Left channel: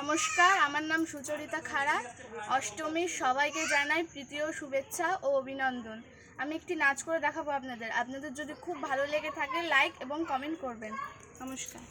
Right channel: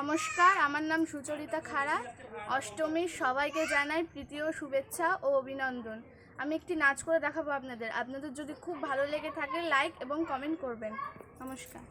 নমস্কার, আমার নাম সুচরিতা খাড়া। অষ্টমীর সবাইকে জানাই প্রীতি ও শুভেচ্ছা ও অভিনন্দন। আমি একটি নাচ করে দেখাবো আপনাদের যদি খুব ভালো লেগে থাকে লাইক এবং কমেন্ট করবেন। নমস্কার।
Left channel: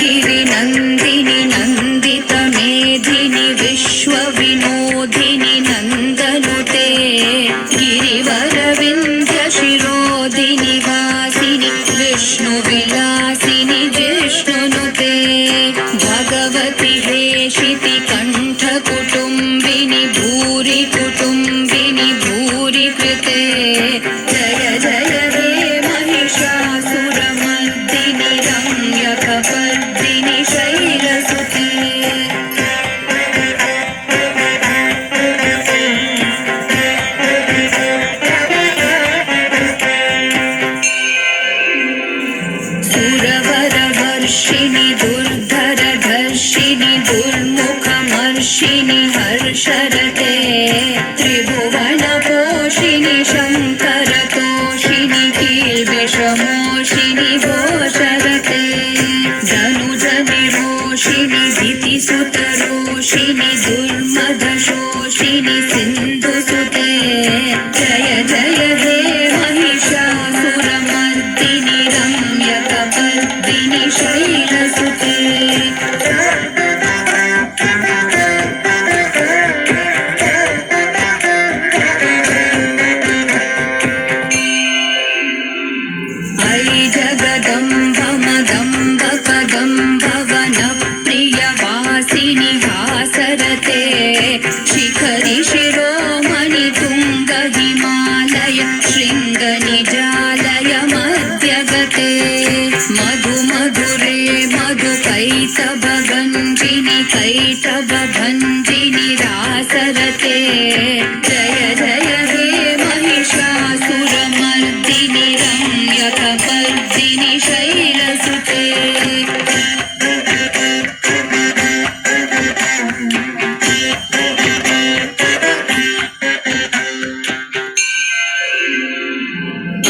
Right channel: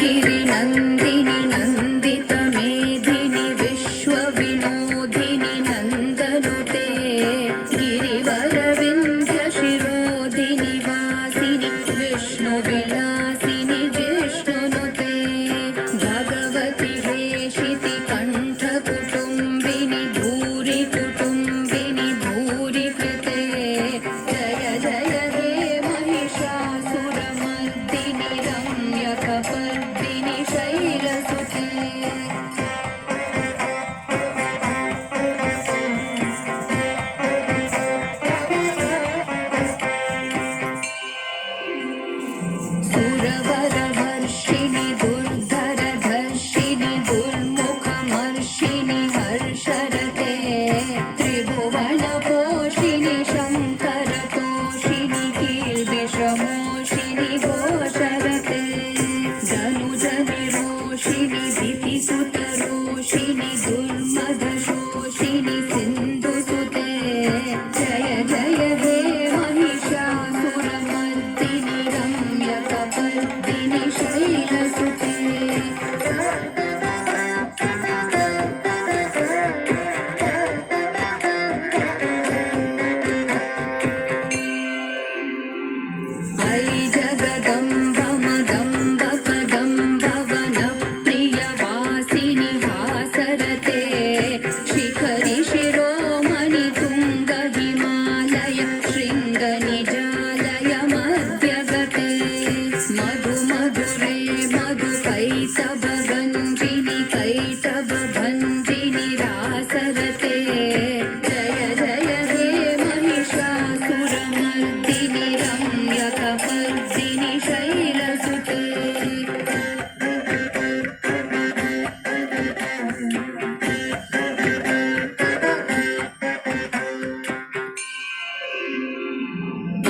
गिरिनन्दिनि नन्दित मेधिनि विश्वविनोदिनि नन्दनुते गिरिवरविन्ध्य शिरोदिनि वासिनि विष्णुविलासिनि जिष्णुनुते भगवति हेशिति कण्ठकुटुम्बिनि भूरि कुटुम्बिनि भूरि कृते जय जय हे महिषासुरमर्दिनि रम्यकपर्दिनि शैलसुते सुरवरवर्षिणि दुर्धरधर्षिणि दुर्मुखमर्षिणि हर्षरते त्रिभुवनपोषिणि शङ्करतोषिणि कीर्विषमोषिणि भोषरते धनुजनिरोषिणि दितिसुतरोषिणि दुर्मदशोषिणि सिन्धुसुते जय जय हे महिषासुरमर्दिनि रम्यकपर्दिनि शैलसुते ऐ जगदम्ब मदम्ब कदम्ब वनप्रियवासिनि हासरते शिखरि शिरोमणि तुङ्ग हिमालय शृङ्गनिजा